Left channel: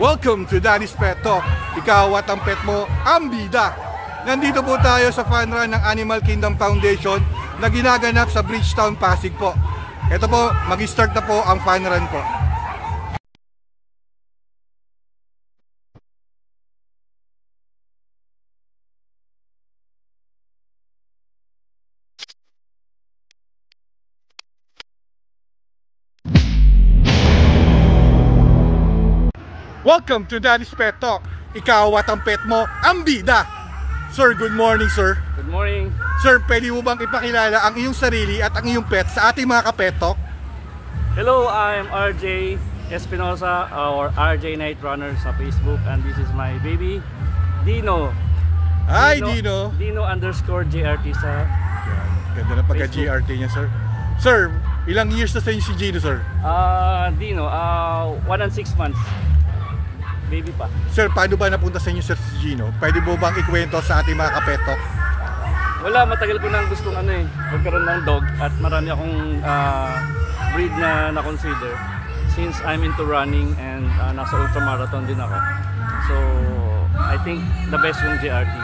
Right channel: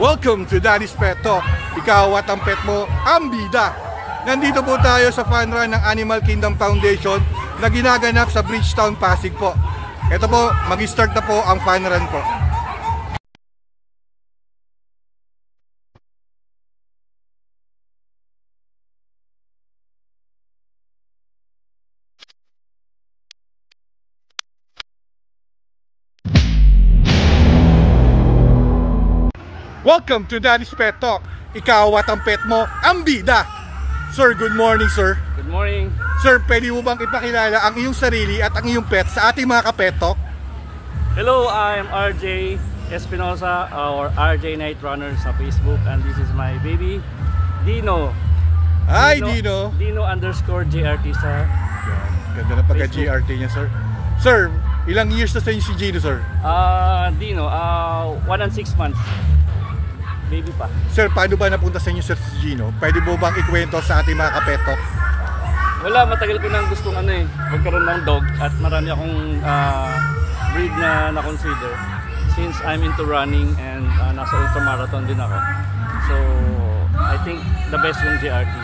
Welcome to Daddy's Pet Talk. Ikaw at ang pet mo, ang bida. Nandito po tayo sa fun run ng Animal Kingdom Foundation na ginaganap sa Bridgetown, Pasig po. Ito po, mag-start na po ang fun run po. Welcome to Daddy's Pet Talk. Ikaw at ang pet mo, ang bida. Sir, good morning, sir. Good morning. Sir, pwede mo bang ipakilala ang iyong sarili at ang iyong pet sa ating mga ka-pet talk? Hello, I'm RJ Espinosa or RJ Night Runner sa Facebook, and this is my baby, Dino. Hi, Dino. Dino_GRT sa Ganda na pagka-GRT niya, sir. Sir, ilang years na sa inyo si Gino, sir? Dino, 1 and 6 months. Baby pa. Sir, paano ba napunta sa inyo, sir, si Gino? Pwede mo bang ikwento sa ating mga ka-pet talk? Wala, matagal ko nang gustong magkaroon ng dog, at marami akong breed na na-consider since I'm into running and nasa ultramarathon din ako. So, I think the best yung GRT.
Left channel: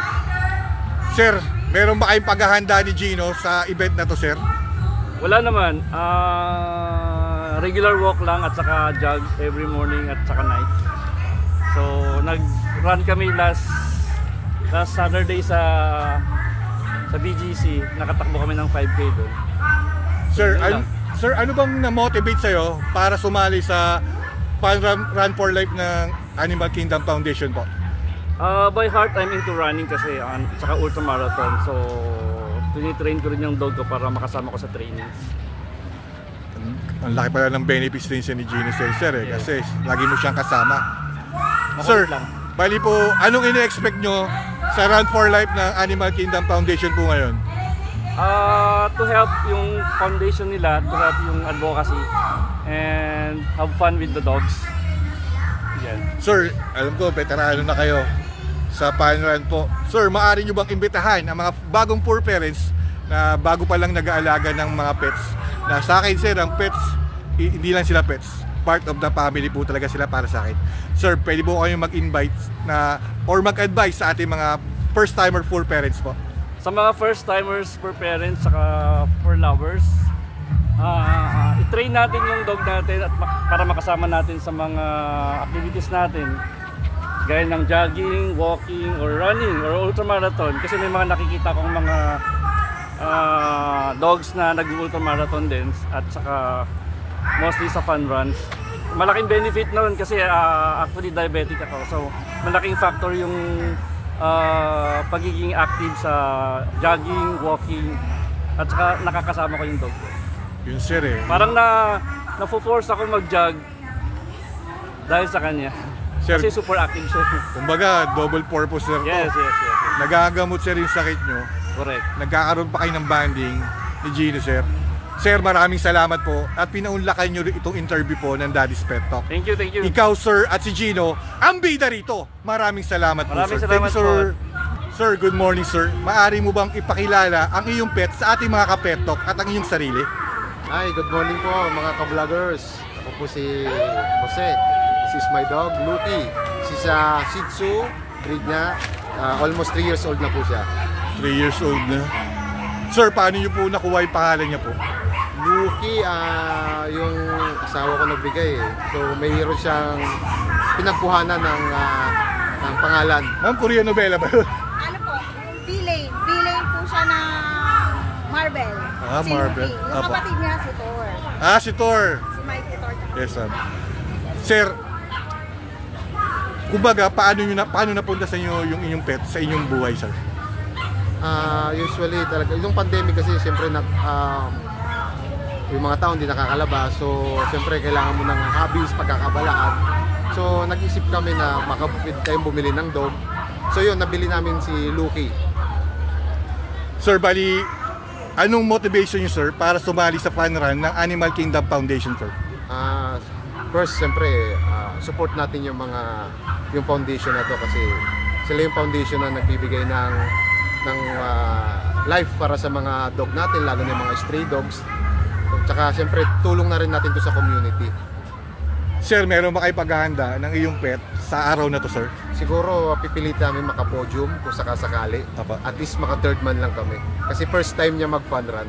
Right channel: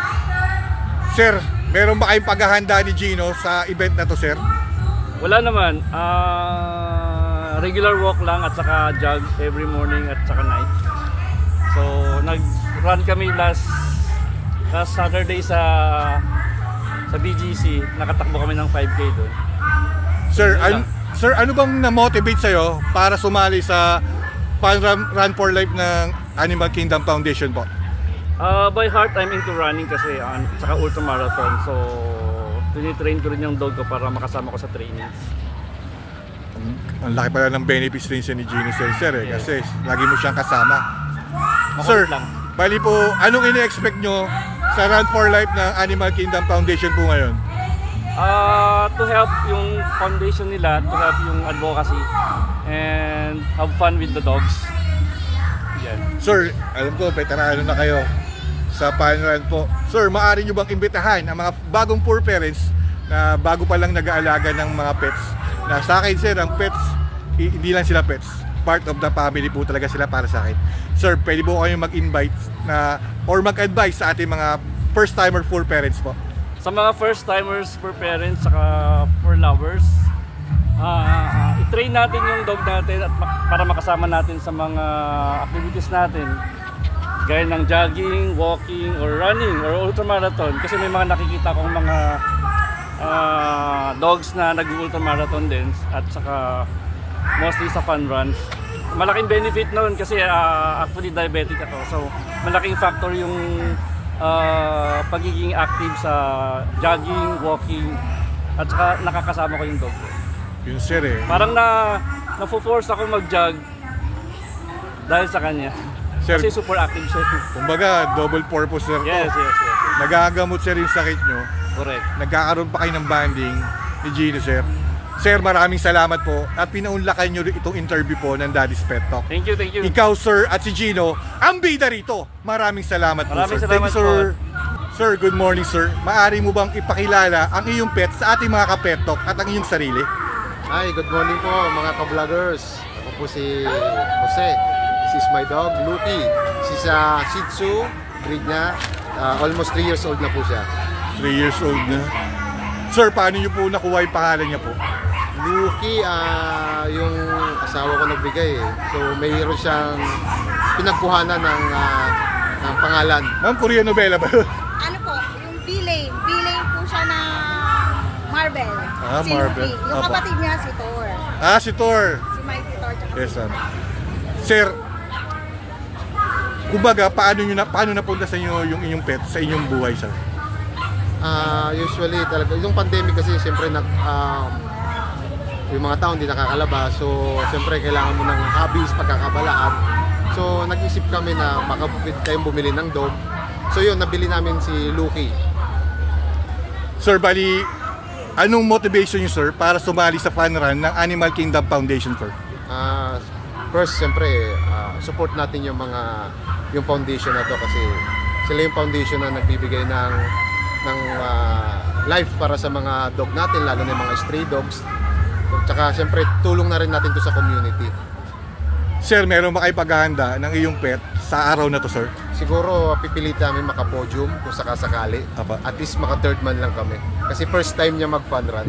Sir, meron ba kayong paghahanda ni Gino sa event na to, sir? Wala naman. Regular walk lang at saka jog every morning at saka night. So, nag-run kami last Saturday sa BGC. Nakatakbo kami ng 5K doon. Sir, ano bang na-motivate sa'yo para sumali sa Run for Life ng Animal Kingdom Foundation po? By heart, I'm into running kasi saka ultramarathon. So, tinitrain ko rin yung dog ko para makasama ko sa training. Ang laki pala ng benefits rin siya ni Gino, sir, Yes. Kasi lagi mo siyang kasama. Makulit Sir, lang. bali po, anong ini-expect nyo sa Run for Life ng Animal Kingdom Foundation po ngayon? To help yung foundation nila, to help yung advocacy, and have fun with the dogs. Yan. Sir, alam ko, veterano na kayo sa fun run po. Sir, maaari nyo bang imbitahan ang mga bagong poor parents na bago pa lang nag-aalaga ng mga pets? Na sa akin, sir, ang pets, hindi lang sila pets. Part of the family po talaga sila para sa akin. Sir, pwede po kayong mag-invite or mag-advise sa ating mga first-timer poor parents po? Sa mga first-timers, poor parents, saka for lovers, i-train natin yung dog natin at para makasama natin sa mga activities natin. Gaya ng jogging, walking, or running, or ultramarathon. Kasi may mga nakikita kong mga dogs na nag-ultramarathon din at saka mostly sa fun runs. Malaking benefit noon kasi actually diabetic ako, so malaking factor yung pagiging active sa jogging, walking, at saka nakakasama ko yung dog ko. Yun, sir, Parang na-force ako mag-jog dahil sa kanya. Sir, kasi super active siya. Kumbaga, double purpose, sir. Yes. Nagagamot, sir, yung sakit nyo. Correct. Nagkakaroon pa kayo ng banding ni Gino, sir. Sir, maraming salamat po at pinaunlakan nyo itong interview po ng Daddy's Pet Talk. Thank you. Ikaw, sir, at si Gino, ang bida rito. Maraming salamat po, sir. Salamat, thank you, sir. Sir, good morning, sir. Maaari mo bang ipakilala ang iyong pet sa ating mga ka-pet talk at ang iyong sarili? Hi, good morning po mga ka-vloggers. Ako po si Jose. This is my dog, Lucky. She's a Shih Tzu, breed niya. Almost 3 years old na po siya. 3 years old na. Sir, paano niyo po nakuha yung pangalan niya po? Lucky, yung asawa ko nagbigay eh. So mayroon siyang pinagkuhanan ng pangalan. Ma'am, Korean novela ba yun? Ano po, Villain. Villain po siya ng Marvel. Si Marvel. Lucky. Yung kapatid niya, si Thor. Si Thor. Si Mighty Thor. Yes, sir, kumbaga, paano napunta sa inyo yung inyong pet sa inyong buhay, sir? Usually talaga, yung pandemic kasi siyempre yung mga tao hindi nakakalabas, so siyempre kailangan mo ng hobbies, pagkakabalaan. So nag-isip kami na makapit tayong bumili ng dog. So yun, nabili namin si Lucky. Sir, bali, anong motivation niyo, sir, para sumali sa fun run ng Animal Kingdom Foundation, sir? First, siyempre, support natin yung foundation na to kasi sila yung foundation na nagbibigay ng life para sa mga dog natin, lalo na yung mga stray dogs. Tsaka siyempre tulong na rin natin to sa community. Sir, meron ba kayo paghahanda ng iyong pet sa araw na to, sir? Siguro pipilit namin makapodium kung sakasakali. Apa. At least maka-third man lang kami. Kasi first time niya mag-fun run.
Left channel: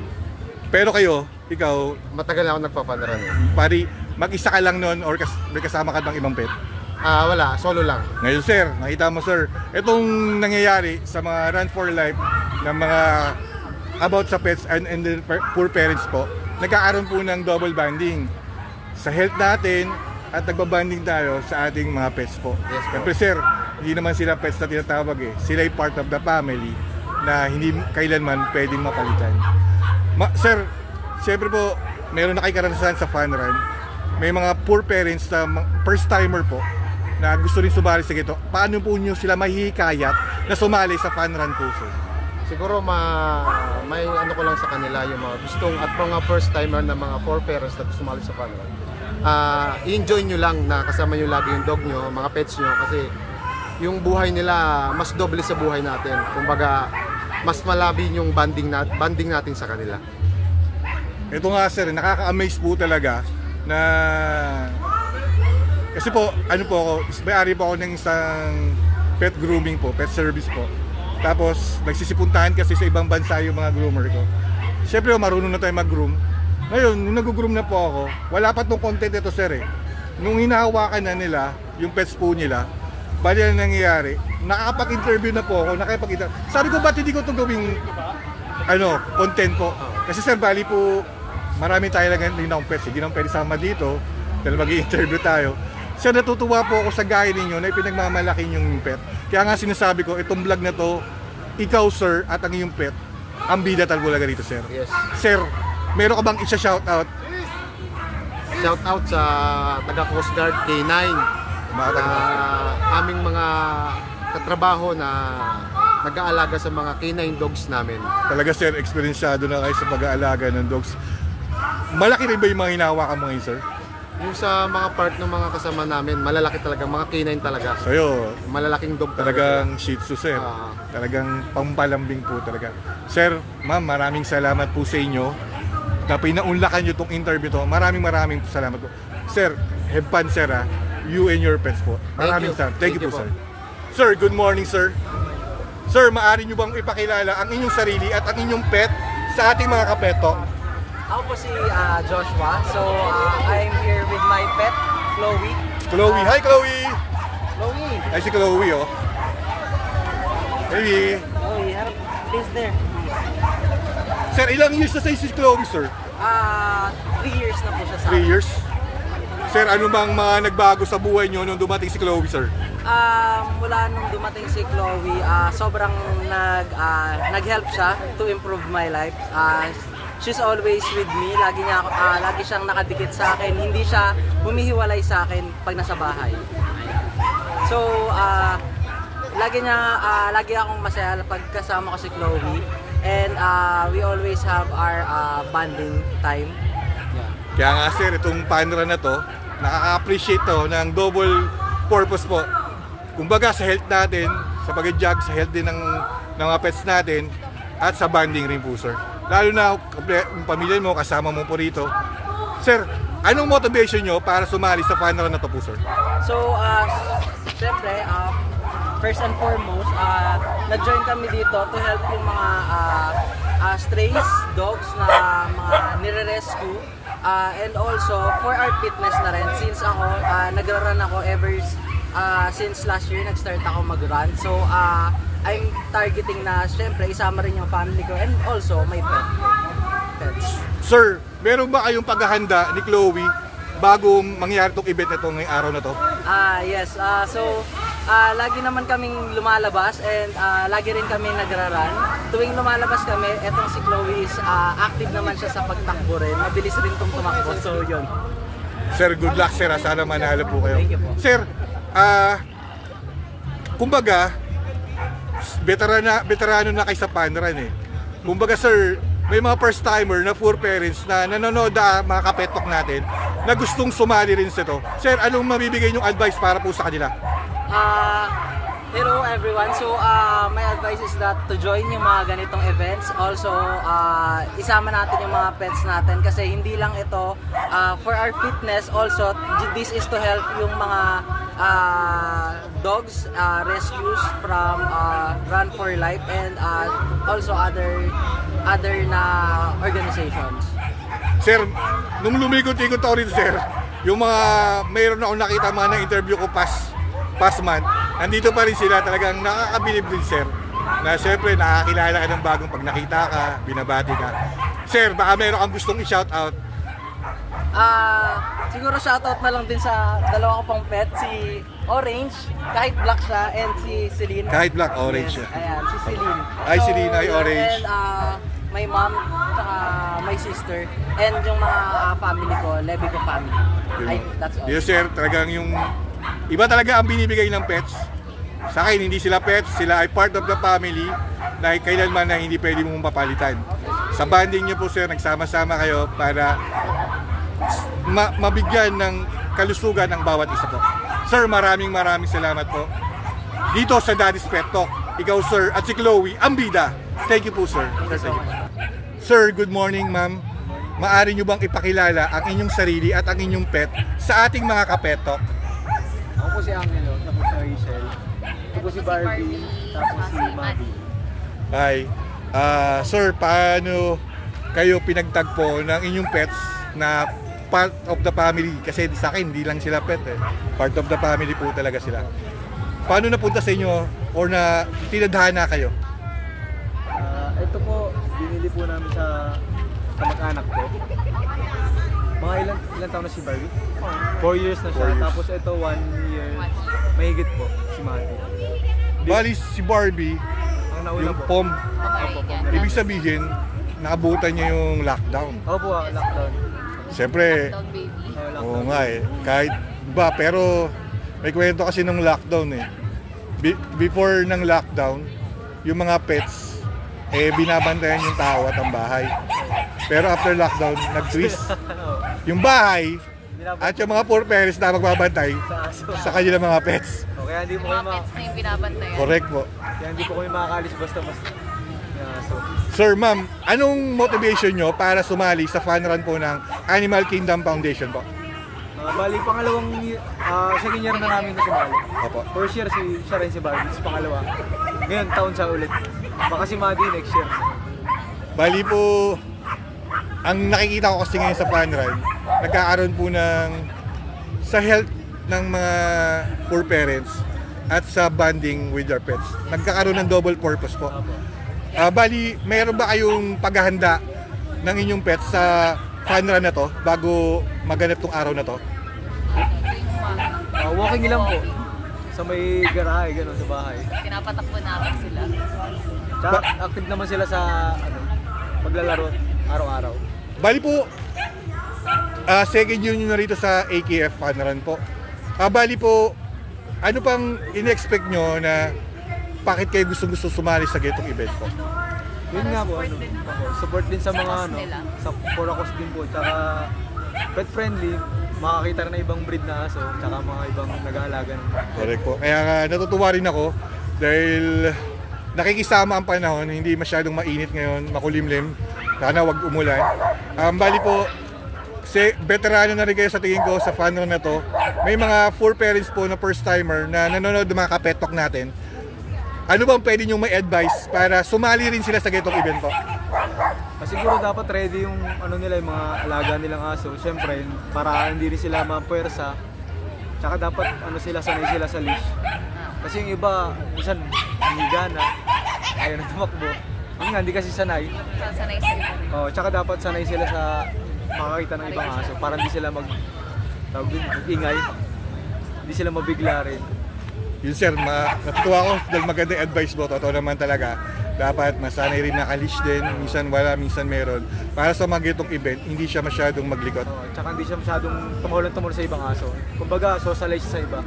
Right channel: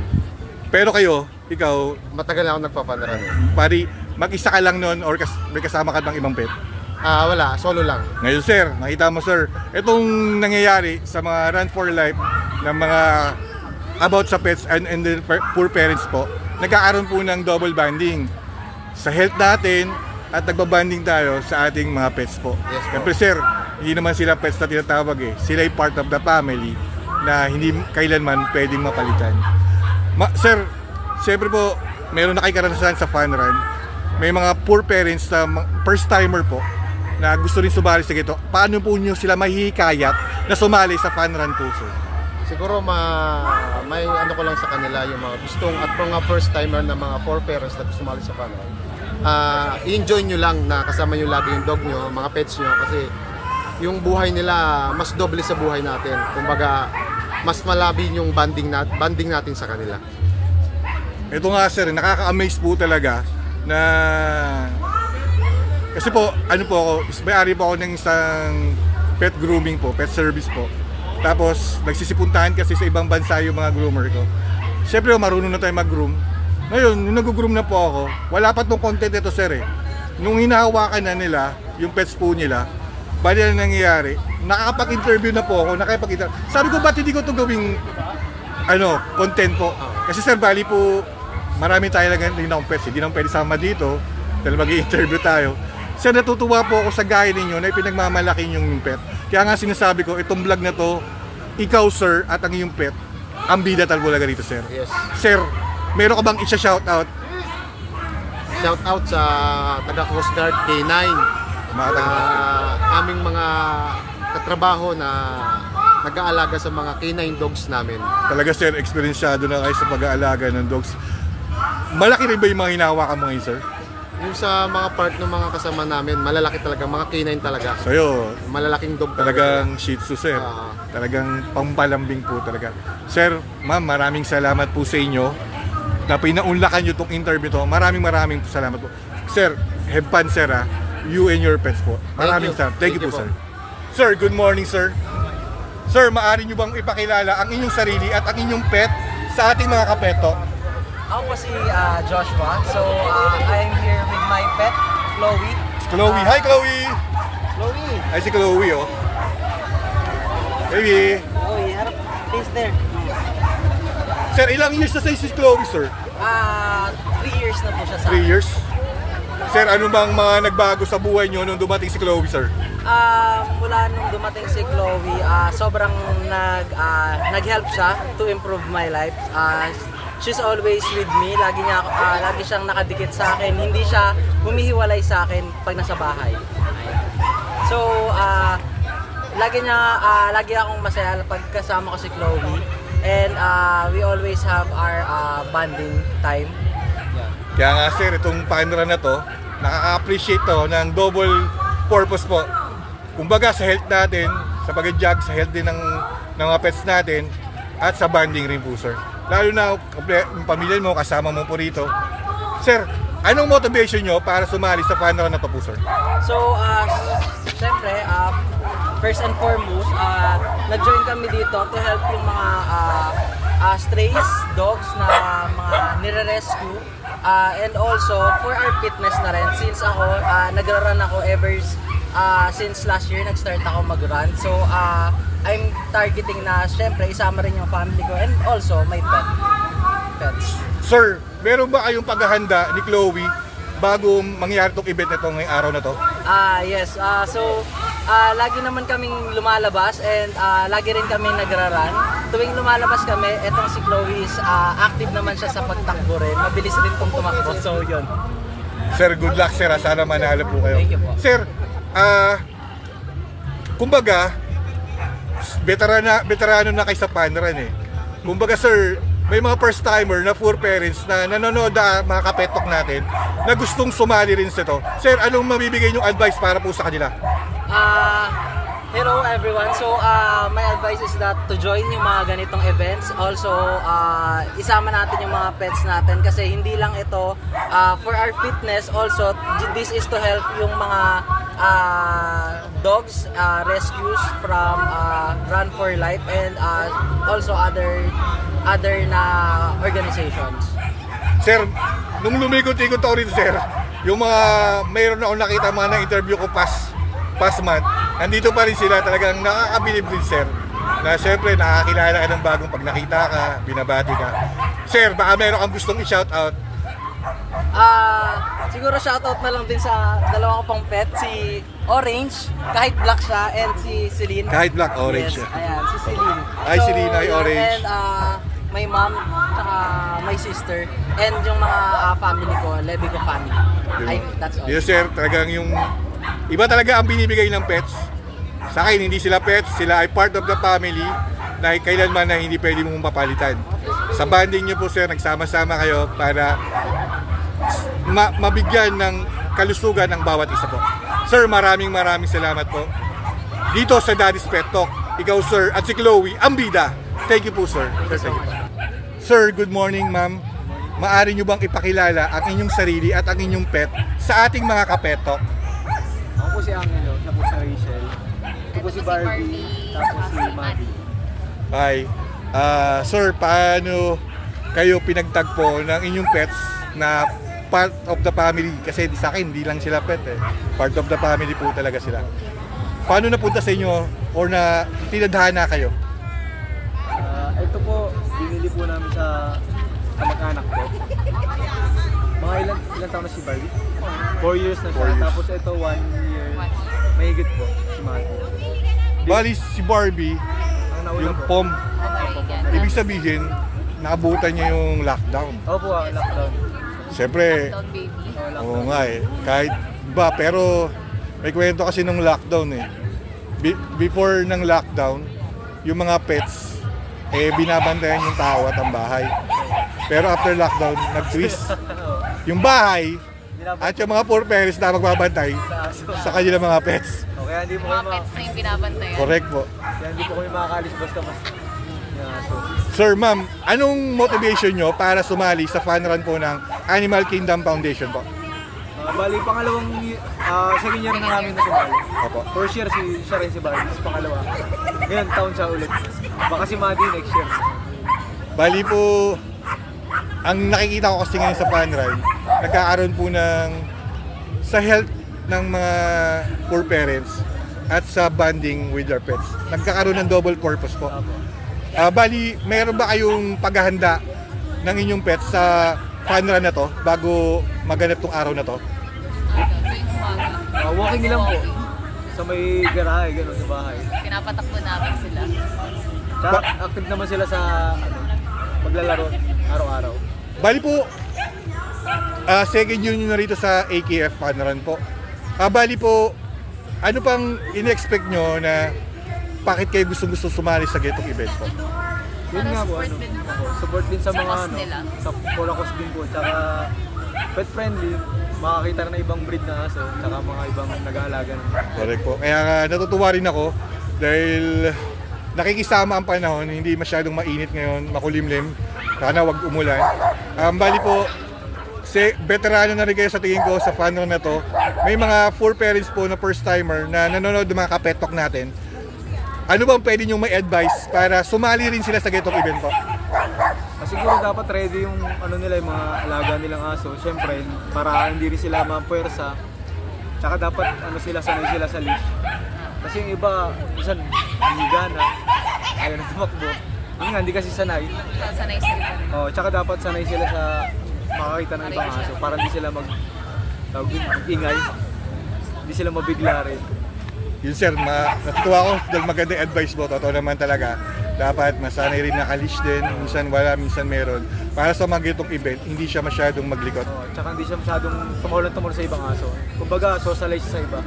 Pero kayo, ikaw, Matagal na ako nagpa-fun run eh. pari, mag-isa ka lang nun or may kasama ka ng ibang pet? Wala, solo lang. Ngayon sir, nakita mo sir, itong nangyayari sa mga Run for Life ng mga about sa pets and the poor parents po, nagkakaroon po ng double bonding sa health natin at nagbabanding tayo sa ating mga pets po. Yes po. Siyempre sir, hindi naman sila pets na tinatawag eh. Sila ay part of the family na hindi kailanman pwedeng mapalitan. Sir, siyempre po, meron na kayo karanasan sa fun run. May mga poor parents na first timer po na gusto rin sumali sa gito. Paano po nyo sila mahihikayat na sumali sa fun run po, sir? Siguro may ano ko lang sa kanila yung mga gustong at mga first timer na mga four parents na sumali sa fun run. I-enjoy nyo lang na kasama nyo lagi yung dog nyo, mga pets nyo, kasi yung buhay nila mas doble sa buhay natin. Kumbaga, mas malabi yung banding natin sa kanila. Ito nga sir, nakaka-amaze po talaga na kasi po, ano po ako, may-ari po ako ng isang pet grooming po, pet service po. Tapos, nagsisipuntahan kasi sa ibang bansa yung mga groomer ko. Siyempre, marunong na tayo mag-groom. Ngayon, nung nag-groom na po ako, wala pa itong content ito sir eh. Nung hinahawakan na nila, yung pets po nila, bali na nangyayari, nakakapag-interview na po ako, sabi ko, ba't hindi ko ito gawing content po? Kasi sir, bali po, marami tayo lang din akong pets, hindi naman pwede sama dito, dahil mag-i-interview tayo. Sir, natutuwa po ako sa gaya ninyo na ipinagmamalaki yung pet. Kaya nga sinasabi ko, itong vlog na to, ikaw sir at ang iyong pet, ang bida talaga rito sir. Yes. Sir, meron ka bang isa-shoutout? Shoutout sa taga Coast Guard K9. Aming mga katrabaho na nag-aalaga sa mga K9 dogs namin. Talaga sir, experienceado na kayo sa pag-aalaga ng dogs. Malaki rin ba yung mga hinahawakan mo ngayon sir? Yung sa mga part ng mga kasama namin, malalaki talaga, mga K9 talaga. Sa'yo, malalaking dog talagang Shih Tzu sir. Talagang pampalambing po talaga. Sir, ma'am, maraming salamat po sa inyo na pinaunlakan nyo itong interview to. Maraming salamat po. Sir, have fun sir ha. You and your pets po. Maraming salamat. Thank you po sir. Sir, good morning sir. Sir, maaari nyo bang ipakilala ang inyong sarili at ang inyong pet sa ating mga kapeto? Ako po si Joshua. So, I'm here with my pet, Chloe. Chloe. Hi, Chloe! Chloe! Ay, si Chloe, oh. Baby! Chloe, harap. Face there. Sir, ilang years na si Chloe, sir? 3 years na po siya sa 3 years? Sir, ano bang mga nagbago sa buhay nyo nung dumating si Chloe, sir? Mula nung dumating si Chloe, sobrang nag-help siya to improve my life. She's always with me. Lagi siyang nakadikit sa akin. Hindi siya humihiwalay sa akin pag nasa bahay. So, lagi akong masaya pag kasama ko si Chloe. And we always have our bonding time. Yeah. Kaya nga sir, itong panera na to, nakaka-appreciate to ng double purpose po. Kumbaga sa health natin, sa pag-jog, sa health din ng mga pets natin, at sa bonding rin po sir. Lalo na yung pamilya mo, kasama mo po rito. Sir, anong motivation nyo para sumali sa fun run na to po, sir? So, siyempre, first and foremost, nag-join kami dito to help yung mga strays, dogs na mga nire-rescue. And also, for our fitness na rin, since ako, nagra-run ako since last year, nag-start ako mag-run. So, I'm targeting na syempre isama rin yung family ko and also my pets. Sir, meron ba kayong paghahanda ni Chloe bago mangyari itong event na ito ngayong araw na to? Yes. So, lagi naman kaming lumalabas and lagi rin kami nagra-run. Tuwing lumalabas kami, etong si Chloe is active naman siya sa pagtakbo rin. Mabilis rin itong tumakbo. So, yun. Sir, good luck sir. Sana manalo po kayo. Thank you po. Sir, kumbaga, veterano na kayo sa fun run eh. Kumbaga sir, may mga first timer na poor parents na nanonood na mga kapetok natin na gustong sumali rin sa ito. Sir, anong mabibigay niyong advice para po sa kanila? Hello everyone. So my advice is that to join yung mga ganitong events. Also isama natin yung mga pets natin kasi hindi lang ito for our fitness, also this is to help yung mga dogs rescues from Run for Life and also other na organizations. Sir, nung lumikot-ikot ako rito, sir, yung mga mayroon ako nakita mga na-interview ko past month, nandito pa rin sila, talagang nakakabilib din, sir, na syempre nakakilala ka ng bagong pag nakita ka, binabati ka. Sir, baka meron kang gustong i-shoutout? Siguro shoutout na lang din sa dalawa ko pang pet, si Orange, kahit black siya, and si Celine. Kahit black, orange siya. Ayan, si Celine. Ay, Celine, ay orange. And my mom, tsaka my sister, and yung mga family ko, Levico family. That's all. Yes, sir, talagang yung iba talaga ang binibigay ng pets. Sa akin, hindi sila pets, sila ay part of the family na kailanman na hindi pwede mong mapalitan. Sa banding nyo po, sir, nagsama-sama kayo para mabigyan ng kalusugan ng bawat isa po. Sir, maraming salamat po. Dito sa Daddy's Pet Talk, ikaw, sir, at si Chloe, ang bida. Thank you po, sir. Thank you so much. Sir, good morning, ma'am. Maaari nyo bang ipakilala ang inyong sarili at ang inyong pet sa ating mga kapetok? Ako po si Angelo, ako po si Rachel. Ako po si Barbie, tapos si Mavi. Hi. Sir, paano kayo pinagtagpo ng inyong pets na part of the family? Kasi sa akin, hindi lang sila pet eh. Part of the family po talaga sila. Paano napunta sa inyo or na tinadhana kayo? Ito po, binili po namin sa kamag-anak ko. Mga ilang taon na si Barbie? 4 years na siya. 4 years. Tapos ito 1 year. Mahigit po si Mavi. Bali si Barbie, yung pom, ibig sabihin, naabutan niya yung lockdown. Opo, lockdown. Siyempre, oo nga eh, kahit ba, pero may kwento kasi nung lockdown eh. Before ng lockdown, yung mga pets, binabantayan yung tao at ang bahay. Pero after lockdown, nag-twist. Yung bahay at yung mga poor parents na magbabantay sa kanilang mga pets. Kaya hindi po kayo Pets na yung binabantayan. Correct po. Kaya hindi po kayo makakalis basta-basta. Sir, ma'am, anong motivation nyo para sumali sa fun run po ng Animal Kingdom Foundation po? Bali, pangalawang second year na namin na sumali. Opo. First year siya rin si Barbie, pangalawa. Ngayon, taon siya ulit. Baka si Maggie next year. Bali po, ang nakikita ko kasi ngayon sa fun run, nagkakaroon po ng sa health ng mga poor parents at sa bonding with their pets. Nagkakaroon ng double purpose po. Bali, mayroon ba kayong paghahanda ng inyong pets sa fun run na to bago maganap tong araw na to? Walking lang po. Sa may garahe, gano'n sa bahay. Pinapatakbo namin sila. Tsaka active naman sila sa paglalaro araw-araw. Bali po, second year nyo na rito sa AKF Fun Run po. Bali po, ano pang in-expect nyo na bakit kayo gusto sumali sa ganitong event po? Yun nga po, support din po. support din sa Sa mga cause nila. sa Polacos din po, tsaka pet friendly, makakita rin na ibang breed na aso, tsaka mga ibang nag-aalaga ng Correct po. Kaya natutuwa rin ako dahil nakikisama ang panahon, hindi masyadong mainit ngayon, makulimlim. Sana wag umulan. Bali po, veterano na rin kayo sa tingin ko sa fun run na to. May mga poor parents po na first timer na nanonood ng mga kapetok natin. Ano bang pwede nyo may advice para sumali rin sila sa ganitong event po? Siguro dapat ready yung ano nila, yung mga alaga nilang aso. Siyempre, para hindi rin sila mapuwersa. Tsaka dapat sanay sila sa leash. Kasi yung iba, minsan hiniga na, ayaw na tumakbo. Yun nga, hindi kasi sanay. Sanay sa iba rin. Tsaka dapat sanay sila sa makakita ng ibang aso para hindi sila mag-ingay. Hindi sila mabigla rin. Yun sir, natutuwa ko dahil magandang advice mo. Totoo naman talaga. Dapat masanay rin nakalish din. Minsan wala, minsan meron. Para sa mga ganitong event, hindi siya masyadong maglikot. Tsaka hindi siya masyadong tumuhulong sa ibang aso. Kumbaga, socialize sa iba.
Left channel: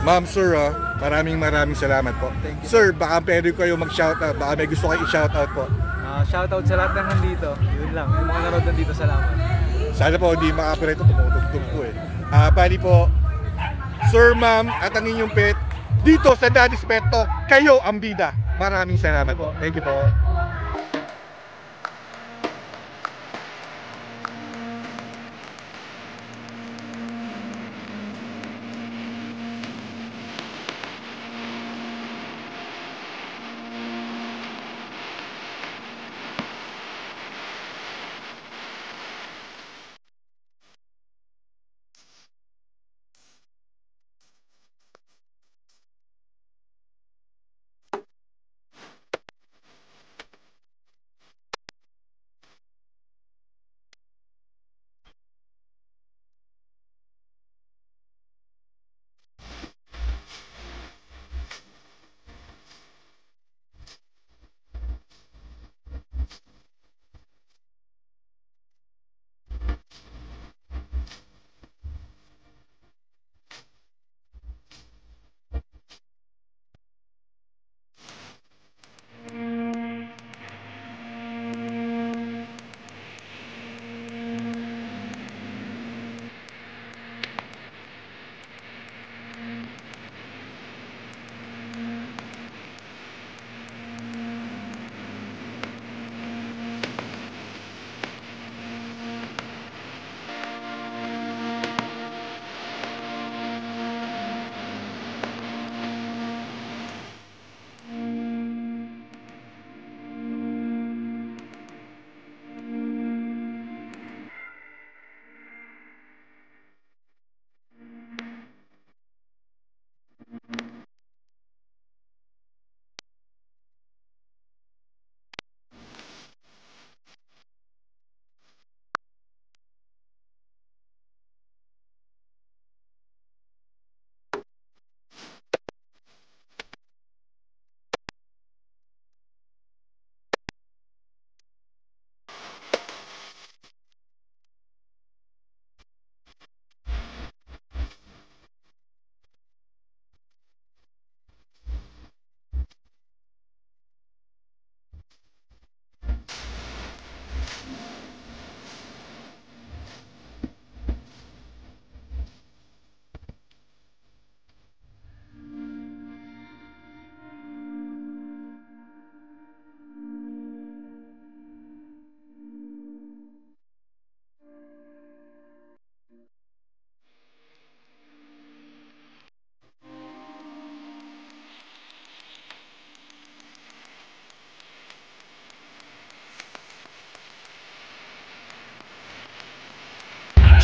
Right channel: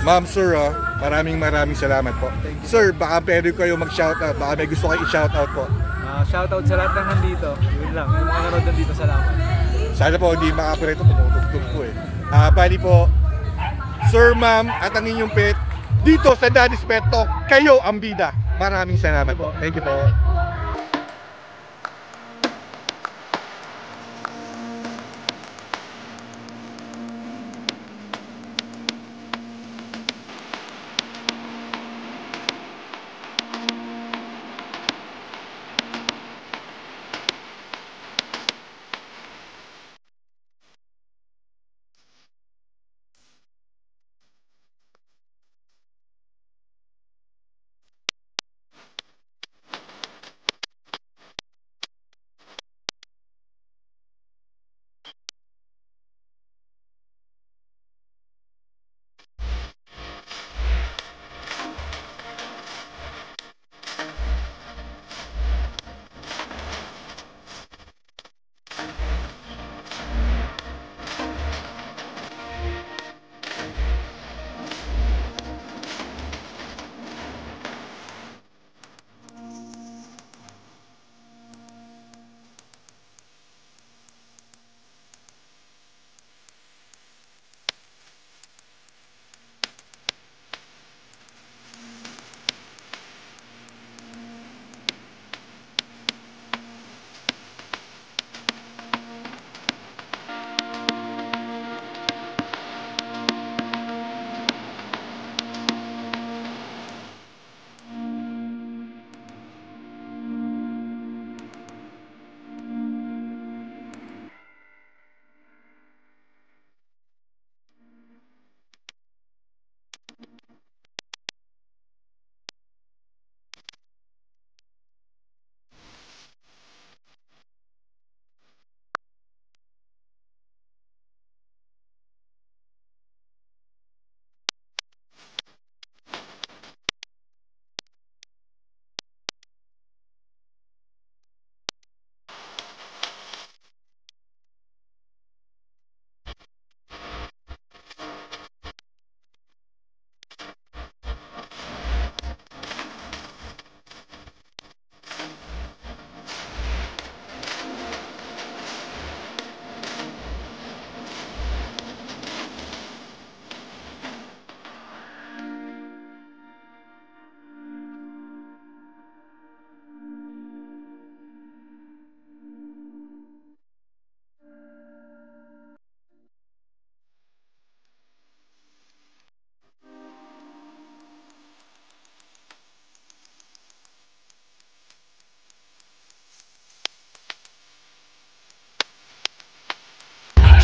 Ma'am, sir, maraming salamat po. Sir, baka pwede kayo mag-shoutout. Baka may gusto kayo i-shoutout po. Shoutout sa lahat ng nandito. Yun lang, yung mga nanood nandito, salamat. Sana po hindi makapirito, tumutugtog po eh. Bali po, sir, ma'am, at ang inyong pet, dito sa Daddy's Pet Talk. Kayo ang bida. Maraming salamat po. Thank you po.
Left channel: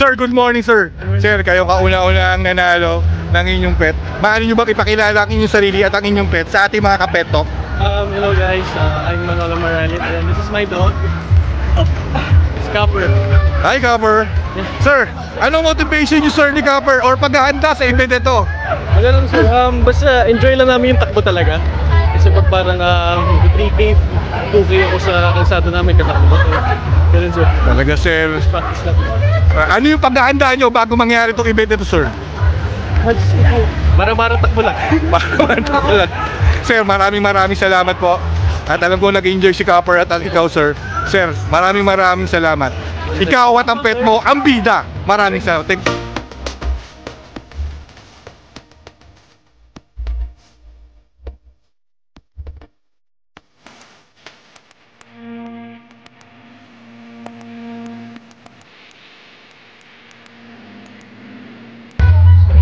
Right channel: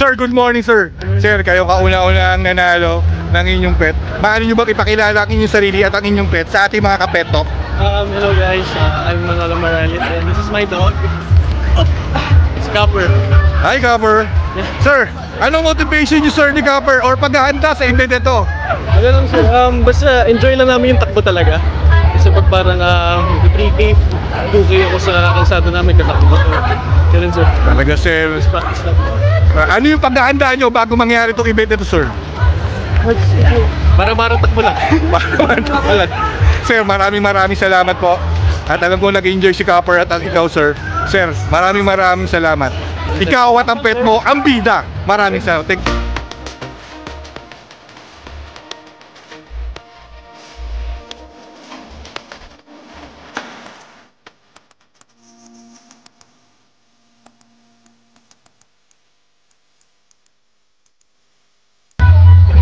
Sir, good morning sir. Sir, kayo kauna-una ang nanalo ng inyong pet. Maaari nyo bang ipakilala ang inyong sarili at ang inyong pet sa ating mga ka-pet talk? Hello guys, I'm Manolo Maralit and this is my dog. It's Copper. Hi Copper. Yeah. Sir, anong motivation nyo sir ni Copper or paghahanda sa event ito? Ano lang sir, basta enjoy lang namin yung takbo talaga. Kasi pag parang 3K, 2K ako sa kalsada namin katakbo. Ganun sir. Talaga sir. Just practice lang. Ano yung paghahanda nyo bago mangyari itong event ito sir? Mara-mara takbo lang. Takbo lang. Sir, maraming salamat po. At alam ko nag-enjoy si Copper at ikaw sir. Sir, maraming salamat. Ikaw at ang pet mo, ang bida. Maraming salamat. Thank you.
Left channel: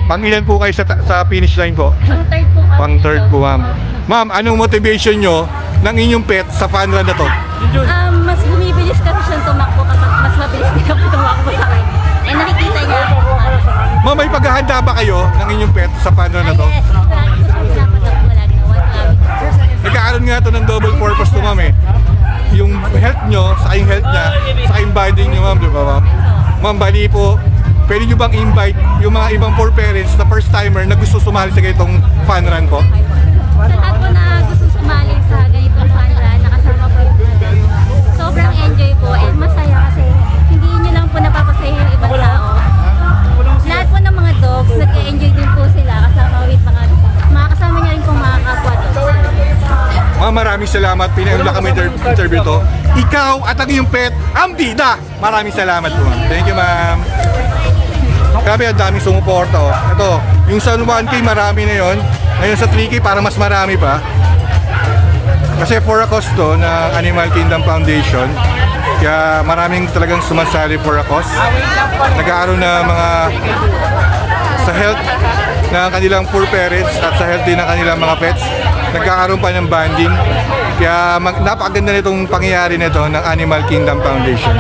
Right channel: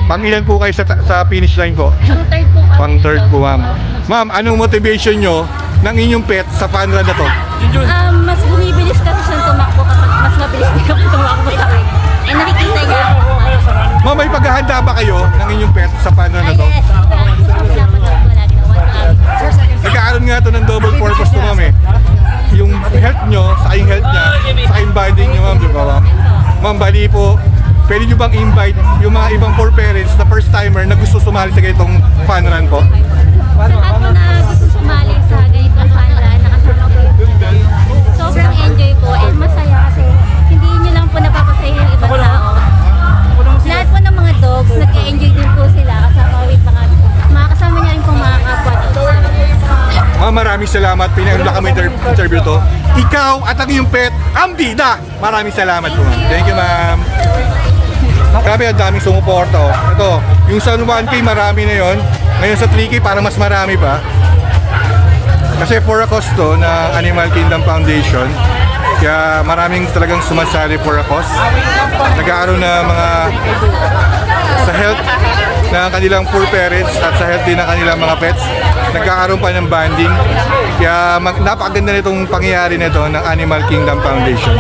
Pangilan po kayo sa finish line po? Pang-third po kami. Pang-third po ma'am. Ma'am, anong motivation nyo ng inyong pet sa fun run na to? Mas bumibilis kasi siyang tumakbo kapag mas mabilis niya po tumakbo sa kanya. Eh nakikita niya ako. Ma'am, may paghahanda ba kayo ng inyong pet sa fun run na to? Yes, lagi po siya pinapatakbo lagi na 1 kilometer. Nagkakaroon nga to ng double purpose to ma'am eh. Yung health nyo, sa yung health niya, sa yung bonding nyo ma'am, di ba ma'am? Ma'am, bali po, pwede nyo bang invite yung mga ibang poor parents na first timer na gusto sumali sa ganitong fun run po? Sa lahat po na gusto sumali sa ganitong fun run, nakasama po yung sobrang enjoy po and masaya kasi hindi nyo lang po napapasaya yung ibang tao. Lahat po ng mga dogs, nag-enjoy din po sila kasama with mga kasama niya rin po mga kapwa dogs. Ma'am, maraming salamat. Pinagula kami interview to. Ikaw at ang iyong pet, ang bida. Maraming salamat po ma'am. Thank you ma'am. Grabe, ang daming sumuporta oh. Ito, yung sa 1K marami na yon. Ngayon sa 3K para mas marami pa. Kasi for a cause to ng Animal Kingdom Foundation. Kaya maraming talagang sumasali for a cause. Nag-aaroon na mga sa health ng kanilang poor parents at sa health din ng kanilang mga pets. Nagkakaroon pa ng banding. Kaya napakaganda nitong pangyayari nito ng Animal Kingdom Foundation.